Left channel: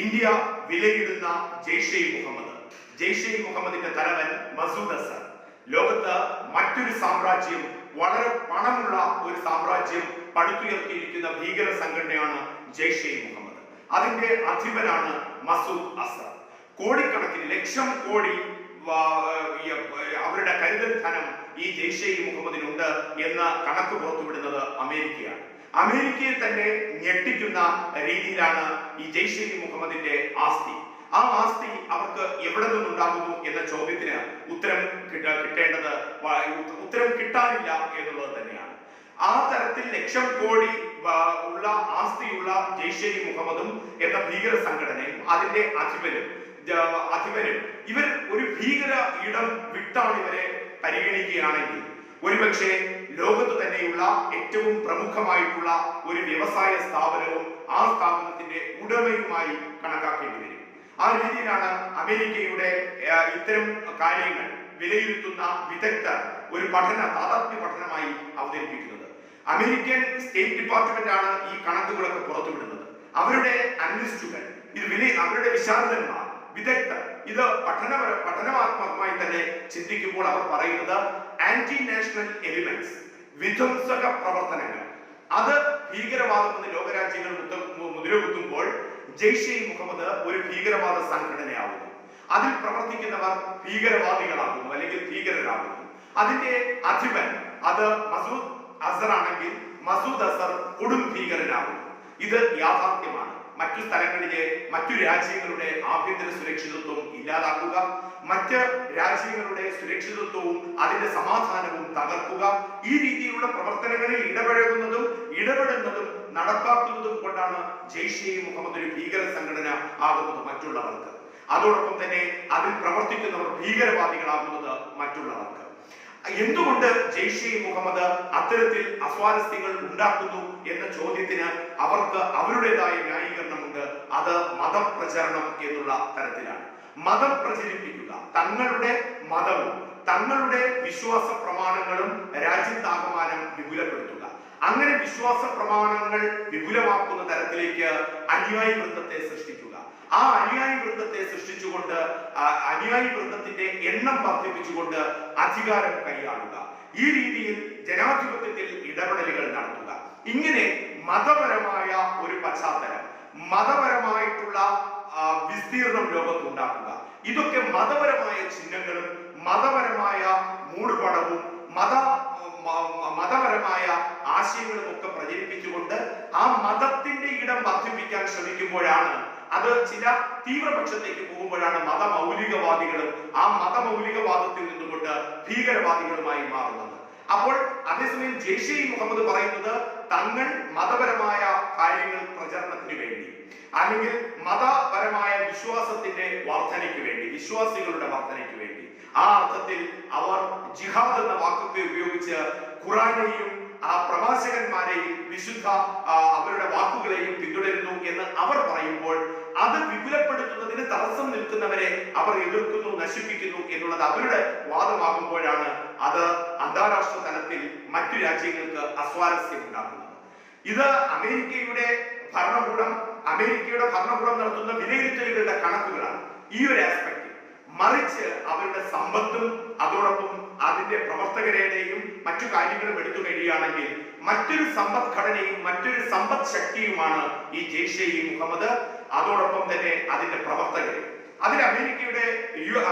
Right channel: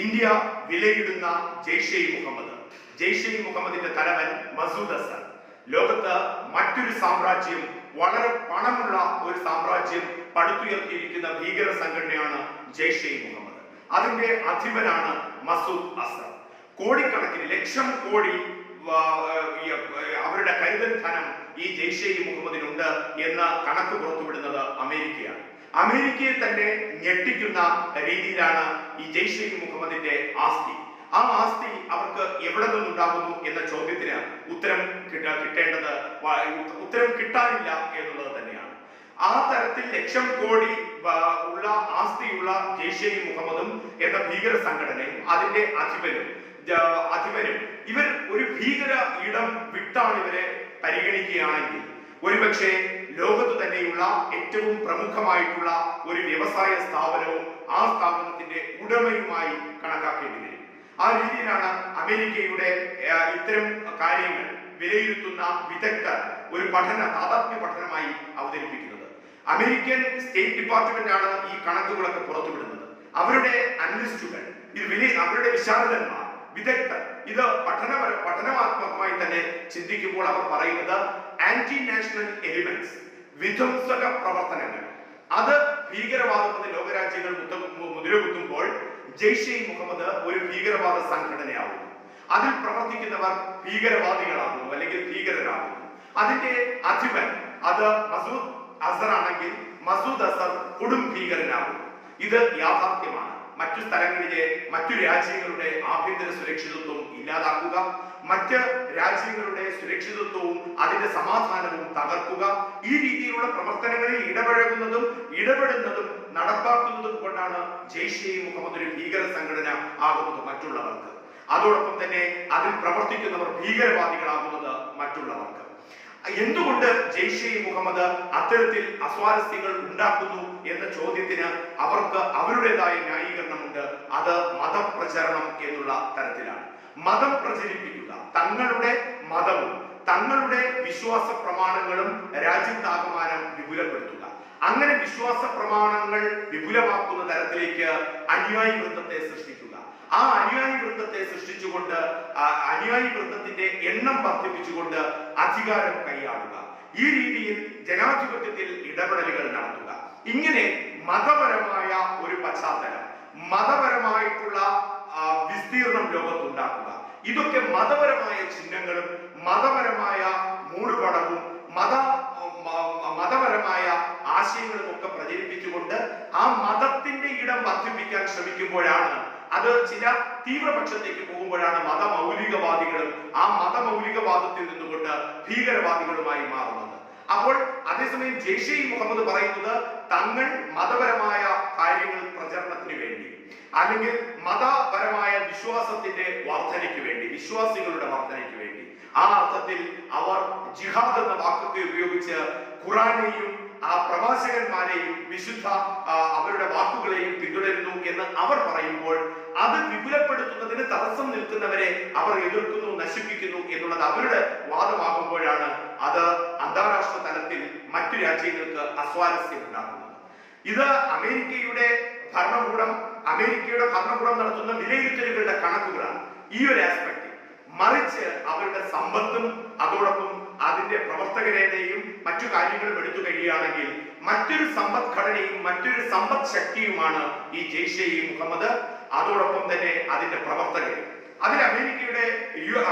India വിലയിടുന്ന ജെയ്ഷെ മുഹമ്മദ്. ജെയ്ഷെ മുഹമ്മദിന്റെ തലവൻ മസൂദ് അസർ. ലോകത്ത് മറ്റൊരു സാമ്രാജ്യം വളരെ പണമുള്ള ഒരു സാമ്രാജ്യം പടുത്തുയർത്തിയിരിക്കുന്ന ഭീകര സംഘടനയാണ് ജെയ്ഷെ മുഹമ്മദ്. അതിന്റെ അധിപനാണ് മസൂദ് അസർ. കോടിക്കണക്കിന് ലക്ഷം കോടി അവരുടെ കരുതൽ ധനം ഈ ജെയ്ഷെ മുഹമ്മദിനുണ്ട് എന്ന കണക്ക് പുറത്തുവിടുന്നത് അമേരിക്കയാണ്. അമേരിക്കയെ തന്നെ ഞെട്ടിക്കുന്ന രീതിയിലാണ് ഈ ജെയ്ഷെ മുഹമ്മദിന്റെ ആസ്തി. ആ ആസ്തി അവർക്ക് എവിടെ നിന്നുണ്ടാകുന്നു എന്ന ചോദ്യത്തിന് ഉത്തരം കിട്ട കിട്ടേണ്ടത് ഉത്തരം കിട്ടാനില്ല എന്നുള്ളത് തന്നെയാണ്. ആ തരത്തിൽ ലക്ഷം കോടി ഉള്ള ആസ്തിയുള്ള ജെയ്ഷെ മുഹമ്മദും എന്ന ഭീകര സംഘടനയും അതിന്റെ അധിപനും അധിപനും ഇവർ ഒരു ഭീകര ഇടം വിട്ടാണ് ഇവരെ പരിഗണിക്കുകയാണെങ്കിൽ. ഒരുപക്ഷെ ലോകത്ത് തന്നെയുള്ള ഏറ്റവും പ്രമുഖമായിട്ടുള്ള ഒരു വ്യവസായ സ്ഥാപനവും ആ സ്ഥാപനത്തിന്റെ ഉടമയുമായി കണക്കാക്കേണ്ടി വരും. ആ രീതിയിലാണ് അമേരിക്കയുടെ ഇത്തരം കാര്യങ്ങൾ വിലയിരുത്തുന്ന വിദഗ്ധർ ഒരു പഠന താതാത്മ്യ പഠനമായി അവതരിപ്പിക്കുന്നത്. അമേരിക്കൻ സ്റ്റേറ്റ് ഡിപ്പാർട്ട്മെന്റ് ആണ് ഈ കണക്കുകളൊക്കെ പുറത്തുവിടുന്നത്. അവരുടെ അനലിസ്റ്റുകൾ ഇത് വില അവരുടെ വിശാരദന്മാർ വിദഗ്ധർ ഇത് പഠനപര പഠനാത്മകമായി തന്നെ ചിന്തിക്കുമ്പോൾ അവർ പറയുന്നത് ആന്റി നാഷണൽ എലിമെന്റ്സ് വിധ്വംസക പ്രവർത്തനങ്ങൾ. അത് ഭീകരവാദം എന്ന് ലോകരാജ്യങ്ങൾ മുതിരകുത്തുമ്പോൾ ജെയ്ഷെ മുഹമ്മദ് ഒരു ഭീകരവാദ സംഘടനയാവുന്നു. അതിൽ പ്രവർത്തിക്കുന്നവർ ഭീകരവാദികളാകുന്നു അല്ലെങ്കിൽ ഭീകരരാകുന്നു. അതിന്റെ അധിപൻ അത് മസൂദ് അസർ ആണെങ്കിൽ മസൂദ് അസർ കൊടും ഭീകരനാകുന്നു. ഇത് യാഥാർത്ഥ്യമാണ്. മറ്റു സ്ഥലങ്ങളിലെ മറ്റു രാജ്യങ്ങളുടെ ആഭ്യന്തര സുരക്ഷിതത്വം ഇല്ലാതാക്കുക മറ്റ് രാജ്യങ്ങളുടെ സുരക്ഷിതത്വവും അതിന്റെ സമാധാനവും തകർക്കുക ഈ രീതിയിലുള്ള പ്രവർത്തനങ്ങളിൽ ഇടപഴകുന്നതും ഇടപെടുന്നതും നടപ്പാക്കുന്നതും കൊണ്ടാണ് ജെയ്ഷെ മുഹമ്മദ് ഒരു ഭീകര സംഘടന ആകുന്നത് മറ്റുള്ളവർക്ക്. അതോടൊപ്പം തന്നെ അതിൽ പ്രവർത്തിക്കുന്നവർ ഭീകരവാദികളാകുന്നത് മറ്റുള്ളവർക്ക്. എന്തുകൊണ്ട് ജെയ്ഷെ മുഹമ്മദ് അത്തരത്തിൽ അസ്വാരസ്യങ്ങൾ ഉണ്ടാക്കുന്നു എന്ന ചോദ്യത്തിന് അവർക്ക് അവരുടേതായ ന്യായീകരണമുണ്ട്. അത് മതപ്രചരണം എന്നുള്ള തരത്തിലാണ്. മതം പ്രചരിപ്പിക്കുക. തങ്ങളുടെ മതവും തങ്ങളുടെ വിശ്വാസ പ്രമാണങ്ങളും രാജ്യത്താകമാനം വിപുലപ്പെടുത്തുക. അങ്ങനെ വിശ്വാസ പ്രമാണങ്ങൾ വിപുലമാക്കുന്ന തരത്തിലേക്ക് അനുയായി വൃത്തത്തെ സൃഷ്ടിക്കുക. ആ അനുയായി വൃന്ദത്തെ സൃഷ്ടിച്ചുകൊണ്ട് അനുയായി വൃന്ദത്തിന്റെ എണ്ണം വർദ്ധിപ്പിച്ചുകൊണ്ട് അധികാരം കൈയാളുക. ഈ രീതിയിൽ ജനാധിപത്യത്തിൽ ഇടപെടലുകൾ നടത്തുക. ഇങ്ങനെ മതപരമായ ഒരു പശ്ചാത്തലം മതപരമായിട്ടുള്ള വിസ്തീർണം ലോകത്തുണ്ടാക്കുക. ഇതൊക്കെ മതപരമായ ചിഹ്നങ്ങളും മതപരമായ മൂടുപടവും മത മതപരമായ ആശയങ്ങളും ഒക്കെ പ്രചരിപ്പിച്ചുകൊണ്ട് ആ മതത്തിന്റെ ഇടം വർദ്ധിപ്പിക്കാൻ ശ്രമിക്കുമ്പോഴാണ് അത് ചില തീവ്രപക്ഷത്തേക്ക് പോകുമ്പോഴാണ് മതമൗലികവാദികളും ആ മതമൗലികവാദത്തിൽ നിന്നുകൊണ്ട് ഭീകരവാദികളുമായി മാറുന്നത്. അപ്പോൾ അതേസമയം ജെയ്ഷെ മുഹമ്മദ് പറയുന്നത് തങ്ങൾ മതപരമായ കാര്യങ്ങൾ പ്രചരണത്തിന് വേണ്ടി അല്ലെങ്കിൽ മതപരമായ വിശ്വാസത്തിന്റെ വർധനയ്ക്ക് വിശ്വാസികളുടെ വർധനയ്ക്ക് വേണ്ടി. ആ അർത്ഥത്തിൽ അവർ ജിഹാദ് എന്ന വാക്കൊക്കെ ഉപയോഗിച്ച് ഖുറാനെയും ആ പ്രവാചകന്മാരെയും വിശുദ്ധ അവരുടെ വാക്കുകളെയും പിന്തുടരുന്നു എന്ന് അവർ പറയുമ്പോൾ അത് വിപുലപ്പെടുത്തുന്നതിന് തടസ്സം നിൽക്കുന്നവരെ അവർ എതിർക്കുന്നു നശിപ്പിക്കുന്നു എന്നുള്ളത് അവരുടെ വാദമാകുമ്പോഴാണ് അത് അന്താരാഷ്ട്ര തലത്തിൽ മറ്റു രാജ്യങ്ങൾക്ക് അസ്വാരസ്യം ഉണ്ടാക്കുന്നത് ഇത് അമേരിക്കയുടെ ഭരണകൂടം അമേരിക്കയുടെ ഭരണകൂടം നടത്തുന്ന വിലയിരുത്തലുകളുടെ കണക്കുകളാണ്. ഈ ഒരു ആസ്പെക്ട് മറിച്ച് അവരുടെ സമ്പത്തും അതോടൊപ്പം അതിന്റെ പ്രവർത്തകരുടെയും മറ്റു കാര്യങ്ങളും എടുത്തു കഴിയുകയാണെങ്കിൽ മറ്റൊരു സമ്പദ്ഘടനയും മറ്റൊരു സമ്പദ് ശക്തിയുമാണ് ഈ ജെയ്ഷെ ഇ മുഹമ്മദ്. അതോടൊപ്പം തന്നെ അതിന്റെ പ്രവർത്തകർ അതിൽ അമേരിക്കയുടെ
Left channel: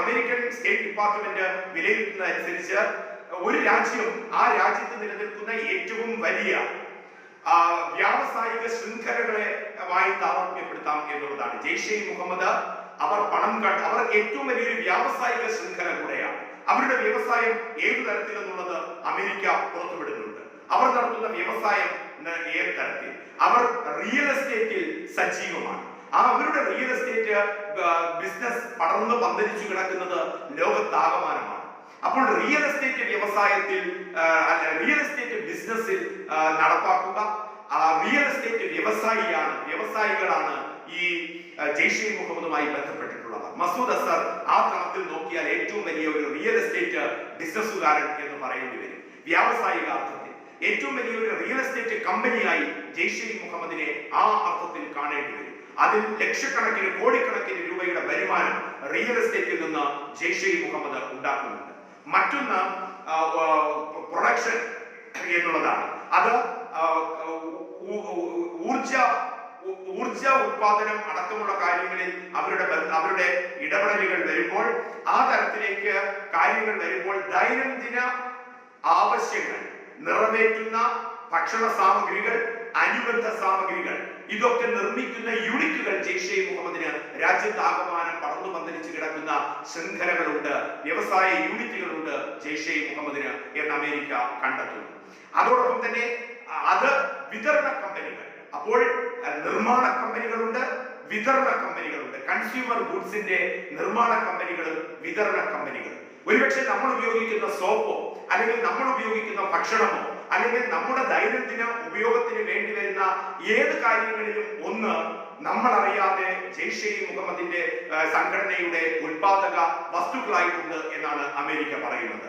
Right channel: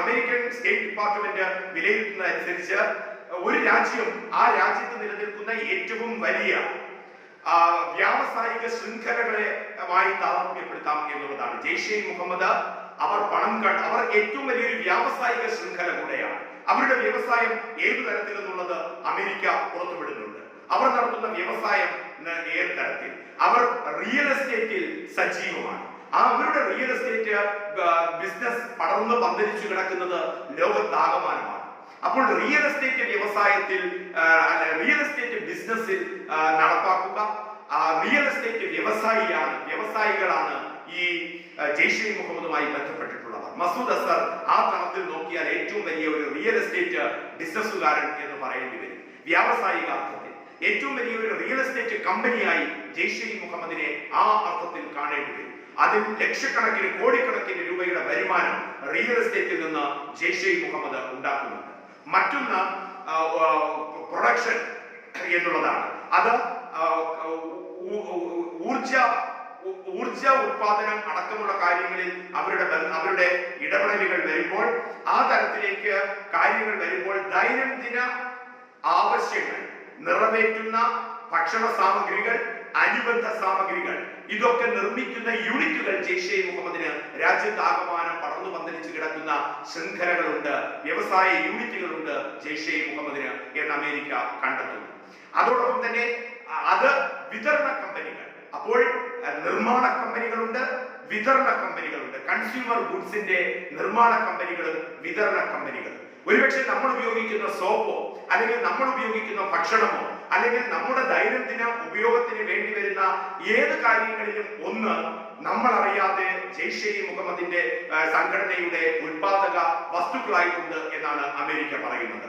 അമേരിക്കൻ സ്റ്റേറ്റ് ഡിപ്പാർട്ട്മെന്റ് വിലയിരുത്തുന്നതനുസരിച്ച് ഒരു രാജ്യം ആ രാജ്യത്ത് നിലനിൽക്കുന്ന ഏറ്റവും വലിയ വ്യാവസായിക ശൃംഖലകളെ വായി താരതമ്യപ്പെടുത്താം എന്നുള്ളതാണ് ജെയ്ഷെ മുഹമ്മദ്. അവർ പണം കണ്ട് അവർ ഏറ്റവും വലിയൊരു വ്യാവസായിക ശൃംഖല കൂടെയാണ്. അവരുടെ വ്യവസായം ഏതു തരത്തിലെന്നുള്ളത് അമേരിക്ക പുറത്തുവിടുന്നുണ്ട്. അവർ നടത്തുന്ന വ്യവസായം ഏത് തരത്തിൽ? അവർ റിയൽ എസ്റ്റേറ്റിൽ സജീവമാണ്. ആ അവരുടെ റിയൽ എസ്റ്റേറ്റ് ബിസിനസ് പടർന്ന് പന്തലിച്ചു കിടക്കുന്നത് ലോകത്താകമാനമാണ്. അപ്പോൾ റിയൽ എസ്റ്റേറ്റ് വ്യവസായത്തിൽ റിയൽ എസ്റ്റേറ്റ് ബിസിനസ്സിൽ നടപ്പാക്കുക. റിയൽ എസ്റ്റേറ്റ് വ്യവസായിയാണ് വ്യവസായികളാണ് ഈ ജെയ്ഷെ മുഹമ്മദുമായി ബന്ധപ്പെട്ടിട്ടുള്ളവർ. മസൂദ് അസർ ആ തലത്തിൽ നോക്കിയാൽ ഏറ്റവും വലിയ ഒരു റിയൽ എസ്റ്റേറ്റ് ബിസിനസ്സുകാരൻ എന്ന് പറയേണ്ടി വരും. വ്യാവസായിക അർത്ഥത്തിൽ. ഏറ്റവും വലിയ ഒരു റിയൽ എസ്റ്റേറ്റ് കമ്പനിയായി ജെയ്ഷെ മുഹമ്മദിനെ ആ അർത്ഥത്തിൽ കാണേണ്ടി വരും. അതിൽ ലക്ഷക്കണക്കിന് കോടിക്കണക്കിന് രൂപയുടെ വരുമാനം റിയൽ എസ്റ്റേറ്റിൽ നിന്ന് ജെയ്ഷെ മുഹമ്മദ് ഉണ്ടാക്കുന്നുണ്ട്. മറ്റൊന്ന് പ്രൊഡക്ഷൻ എന്നുള്ളതാണ്. അത് ഊർജ ഊർജ ഉത്പാദനം അടക്കമുള്ള കാര്യങ്ങളിൽ അവരുടെ അവരുടെ ഇടപെടലുകൾ വരുമ്പോൾ ആ തരത്തിലേക്ക് കാര്യങ്ങൾ വരുമ്പോൾ ദൈനംദിന ആവശ്യങ്ങൾ നിറവേറ്റുന്ന ഭക്ഷണ സാമഗ്രികൾ അനുബന്ധ സാമഗ്രികൾ ഇതൊക്കെ നിർമ്മിക്കുന്ന യൂണിറ്റുകൾ ജെയ്ഷെ മുഹമ്മദിന് രാജ്യത്താകമാനം പടർന്നു പന്തലിച്ച് കിടക്കുന്ന ശൃംഖലകളുണ്ട് വ്യവസായ യൂണിറ്റുകളുണ്ട് ജെയ്ഷെ മുഹമ്മദിന് എന്ന് അമേരിക്ക കണ്ടെത്തുന്നു. അതോടൊപ്പം തന്നെ അത് വിതരണ കമ്പനികൾ. അപ്പോൾ നിർമ്മാണ കമ്പനികളുണ്ട് വിതരണ കമ്പനികളുണ്ട്. കൺസ്യൂമർ ഗുഡ്സിന്റെ നിർമ്മാണ കമ്പനികളും വിതരണ കമ്പനികളും. ഒരുപക്ഷെ നമ്മൾ ഉപയോഗിക്കുന്ന സോപ്പോ അല്ലെങ്കിൽ നമ്മൾ ഉപയോഗിക്കുന്ന ഭക്ഷണമോ അല്ലെങ്കിൽ നമ്മുടെ ദൈനംദിന ഉപയോഗത്തിന് വേണ്ടി വരുന്ന ഏത് കാര്യങ്ങളിലും ഒന്ന് നമ്മൾ അറിയാതെ ജെയ്ഷെ ഇ മുഹമ്മദിന്റെ സംഘടനയുടെ ഉൽപാദക വസ്തുക്കളായിട്ടുണ്ട് എന്നാണ് അമേരിക്ക പറയുന്നത്.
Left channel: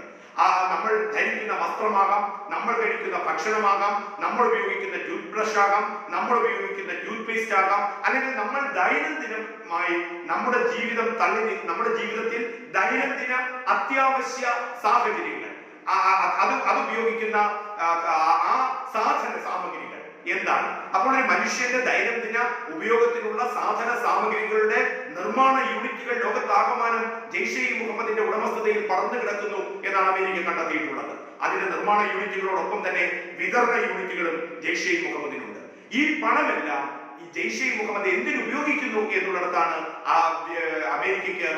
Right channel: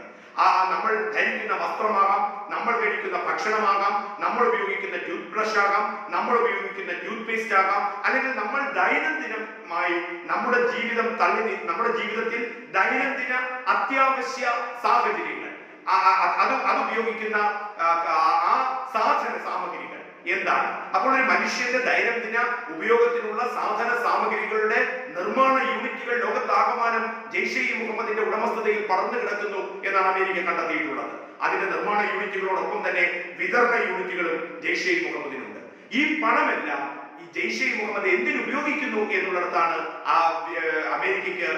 നമ്മൾ ധരിക്കുന്ന വസ്ത്രമാകാം നമ്മൾ കഴിക്കുന്ന ഭക്ഷണമാകാം നമ്മൾ ഉപയോഗിക്കുന്ന ടൂത്ത് ബ്രഷ് ആകാം നമ്മൾ ഉപയോഗിക്കുന്ന ടൂത്ത് പേസ്റ്റ് ആകാം അല്ലെങ്കിൽ നമ്മൾ ദൈനംദിനമായി നമ്മുടെ ജീവിതം തള്ളി നമ്മുടെ ജീവിതത്തിൽ ദൈനംദിന അത്യാവശ്യ സാഹചര്യങ്ങൾ ആ- ആ- അത് അത് ഉപയോഗിക്കുന്ന ആ, ആ- ആ സാധന സാമഗ്രികൾ. എന്താണ്? അപ്പോൾ ഒരു മനുഷ്യന്റെ ദൈനംദിന ഉപയോഗത്തിനുള്ള സാധന സാമഗ്രികളുടെ നിർമ്മാണ യൂണിറ്റുകൾ ലോകത്താകമാനം ജെയ്ഷെ ഇ മുഹമ്മദിന്റെ ഉടമസ്ഥതയിൽ പടർന്നു കിടക്കുന്നു എന്നാണ് അമേരിക്ക കണ്ടെത്തിയിട്ടുള്ളത്. അതിന്റെ നിർമ്മാണ യൂണിറ്റുകളോടൊപ്പം തന്നെ വിതരണ യൂണിറ്റുകളും ജെയ്ഷെ ഇ മുഹമ്മദിനുണ്ട്. ഈ പണമെല്ലാം ഈ ജെയ്ഷെ മുഹമ്മദ് എന്തിനു ഉപയോഗിക്കുന്നു എന്നുള്ളിടത്താണ് ആ അമേരിക്കയ്ക്ക്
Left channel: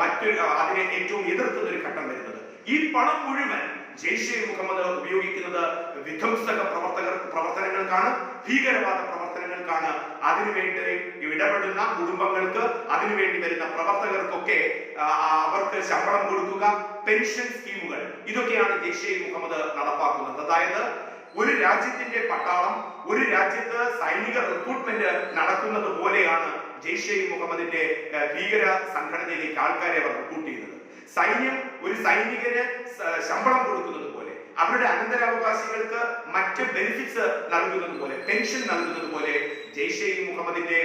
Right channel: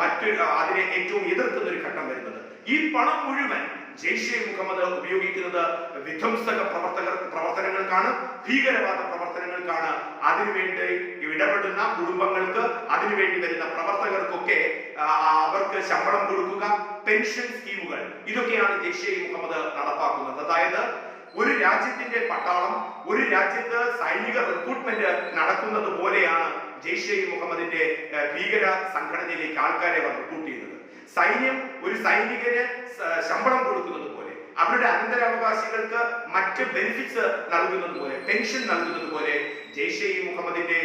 മറ്റൊരു അതിനെ ഏറ്റവും എതിർക്കുന്ന ഒരു ഘട്ടം വരുന്നത്. ഈ പണം മുഴുവൻ ജെയ്ഷെ മുഹമ്മദ് ഉപയോഗിക്കുന്നത് വിധ്വംസക പ്രവർത്തകർ പ്രവർത്തനങ്ങൾക്കാണ് ഭീകരവാദ പ്രവർത്തനങ്ങൾക്കാണ്. അതിനുവേണ്ടി ഇടപെടുന്ന കുടുംബങ്ങൾക്ക് അതിനുവേണ്ടി വരുന്ന പ്രവർത്തകർക്കൊക്കെ അവർക്ക് ശമ്പളം കൊടുക്കുക പെൻഷൻ സ്കീമുകൾ. ഇതൊക്കെയാണ് ജെയ്ഷെ മുഹമ്മദ് നടപ്പാക്കുന്നത്. അതായത് ഒരു രാജ്യത്തിന്റെ പട്ടാളം ഒരു രാജ്യത്ത് സൈനിക റിക്രൂട്ട്മെന്റ് നടക്കുന്നത് പോലെയാണ് ജെയ്ഷെ മുഹമ്മദിന്റെ ഭീകര സംഘടനയിലേക്ക് ആൾക്കാരെ അവർ റിക്രൂട്ട് ചെയ്യുന്നത്. സൈന്യം ഒരു സൈനികന് ശമ്പളം കൊടുക്കുന്നത് പോലെ അവരുടെ അനന്തരാവകാശികൾക്ക് മറ്റ് ബെനിഫിറ്റ്സ് നൽകുന്നത് പോലെ പെൻഷൻ നൽകുന്നത് പോലെ ജെയ്ഷെ ഇ മുഹമ്മദിന്റെ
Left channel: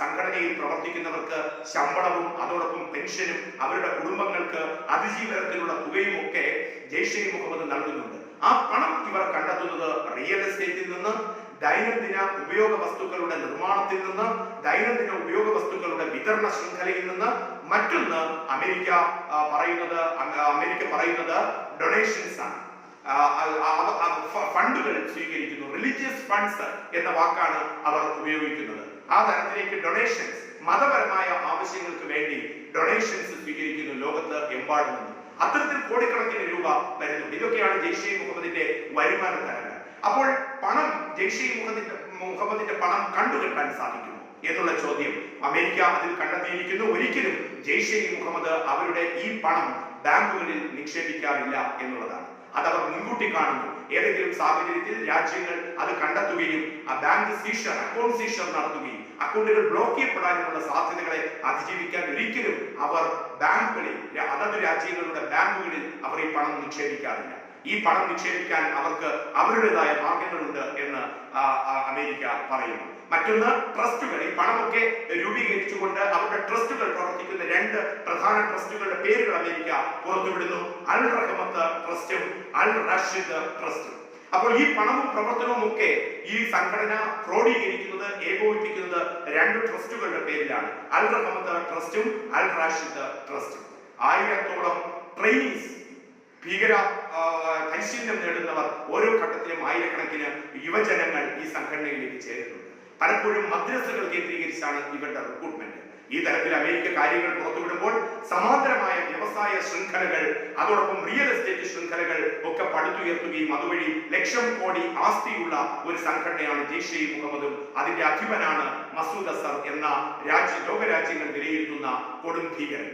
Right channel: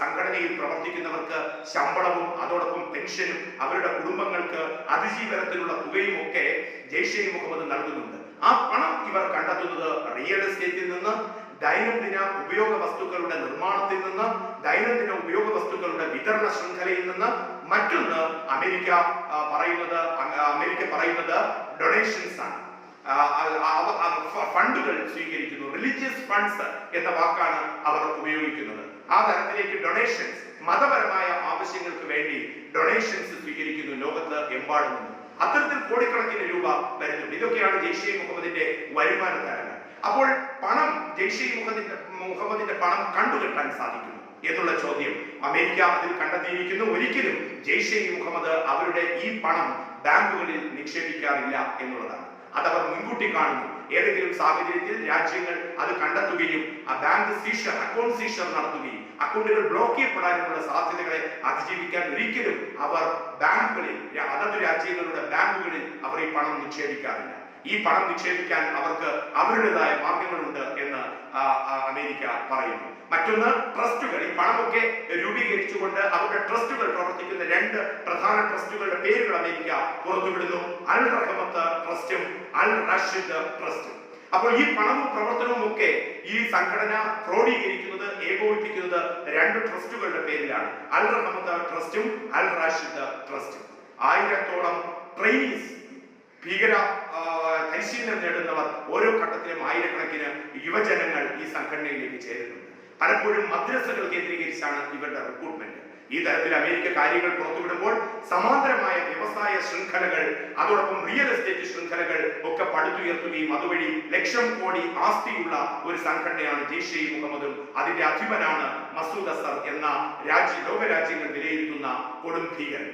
സംഘടനയിൽ പ്രവർത്തിക്കുന്നവർക്ക് ശമ്പളവും അതോടൊപ്പം പെൻഷനും അവരുടെ കുടുംബങ്ങൾക്ക് അതിജീവനത്തിനുള്ള തുകയും ഒക്കെ ജെയ്ഷെ ഇ മുഹമ്മദ് നൽകുന്നുണ്ട്. ആ പണം ഇവർ കണ്ടെത്തുന്നത് റിയൽ എസ്റ്റേറ്റിൽ നിന്ന് ദൈനംദിന ഉപയോഗ വസ്തുക്കളുടെ നിർമ്മാണത്തിൽ നിന്ന് ദൈനംദിന ഉപയോഗ വസ്തുക്കളുടെ വിതരണ ശൃംഖലയിൽ നിന്ന് മറ്റൊന്ന് അമേരിക്ക പറയുന്നത് അമേരിക്ക പറയുന്നത് ഡൊണേഷൻസ് ആണ്. ഫണ്ടുകൾ സ്വീകരിക്കുന്നു. റിലീജിയസ് ഫണ്ട്സ് എന്ന വാക്കാണ് അവർ ഉപയോഗിക്കുന്നത്. ആ തരത്തിലേക്ക് ഡൊണേഷൻസ് മതപരമായ ആവശ്യങ്ങൾക്ക് വേണ്ടി ഡൊണേഷൻസ് സ്വീകരിക്കുന്നു ലോകത്ത് എമ്പാടും നിന്നും. അത്തരത്തിൽ കോടിക്കണക്കിന് രൂപ വരുന്നുണ്ട്. ഇതൊക്കെയാണ് ജെയ്ഷെ മുഹമ്മദിന്റെ വരുമാന തരങ്ങൾ അപ്പോൾ പണം ജെയ്ഷെ മുഹമ്മദിന്റെ മുഹമ്മദിന്റെ പണം കണ്ടുകെട്ടാൻ സാധിക്കുമോ എന്നുള്ള ചോദ്യം അമേരിക്ക അതിൽ കണ്ടെത്തിയിരിക്കുന്നു. ഒരിക്കലും ജെയ്ഷെ മുഹമ്മദ് അവരുടെ ഈ പണം ബാങ്കുകളിൽ നിക്ഷേപിക്കാറില്ല എന്നുള്ളതാണ്. അതവർ മുൻകൂട്ടി കാണുന്നു. ഏതെങ്കിലും സാഹചര്യത്തിൽ രാജ്യങ്ങൾ അത് കണ്ടെത്തുകയും ആ ബാങ്ക് സീഷർ അക്കൗണ്ട് സീഷർ നടത്തുകയും അക്കൗണ്ടുകൾ ബ്ലോക്ക് ചെയ്യപ്പെടാനുമുള്ള സാധ്യതകളെ അതിജീവിക്കാൻ ഒരിക്കലും അവർ ബാങ്കുകളിൽ അതത് രാജ്യങ്ങളുടെ ബാങ്കുകളിൽ അവർ ഈ പണം നിക്ഷേപിക്കാറില്ല. ഈ പണം നിക്ഷേപിക്കാൻ അവർക്ക് അവരുടേതായ മാർഗങ്ങളുണ്ട് എന്ന് അമേരിക്ക പറയുന്നു. മറ്റൊന്ന് ട്രസ്റ്റുകൾ. ഈ പണമൊക്കെ രൂപീകരിച്ചുകൊണ്ട് അവരുടെ ട്രസ്റ്റുകൾ പ്രവർത്തിക്കുന്ന രണ്ട് പ്രധാന ട്രസ്റ്റുകളുടെ പേരുകൾ അമേരിക്ക പുറത്തുവിടുന്നു. അൽ റഹമത്ത് ട്രസ്റ്റും അൽ റഷീദ് ട്രസ്റ്റും. അപ്പോൾ ഈ പണവും പ്രവർത്തനവും ഒക്കെ ഈ സംഘടന ക്രോഡീകരിക്കുന്നത് ഏകോപിപ്പിക്കുന്നത് രണ്ട് ട്രസ്റ്റുകളുടെ പേരിലാണ്. അൽ റഹമത്ത് ട്രസ്റ്റും അൽ റാഷിദ് ട്രസ്റ്റും. ആയിരത്തോളം ട്രെയിനീസ് ഭീകര പരിശീലനം നേടുന്നവർ ഓരോ ഘട്ടത്തിലും ആയിരക്കണക്കിന് യുവജനങ്ങൾ ഈ സംഘടനയിലേക്ക് ചേരുന്നുണ്ട്. പലപ്പോഴും മദ്രസകൾ കേന്ദ്രീകരിച്ചാണ് ഇവരുടെ റിക്രൂട്ട്മെന്റ് ഈ തരത്തിൽ അമേരിക്ക കാര്യങ്ങൾ പുറത്തുവിടുമ്പോൾ സമാന്തരമായ വ്യവസായ ശൃംഖലകൾ അതോടൊപ്പം റിയൽ എസ്റ്റേറ്റ് ശൃംഖലകൾ ഒക്കെ പടുത്തുയർത്തുകയും അതുവഴി ലക്ഷം കോടി ആസ്തിയുള്ള ഒരു സംഘടനയാണ് ജെയ്ഷെ മുഹമ്മദും. അതിന്റെ അധിപനാണ് മസൂദ് അസർ എന്ന രാജ്യ ലോകരാജ്യങ്ങൾ വിലയിരുത്തുന്ന കൊടും ഭീകരൻ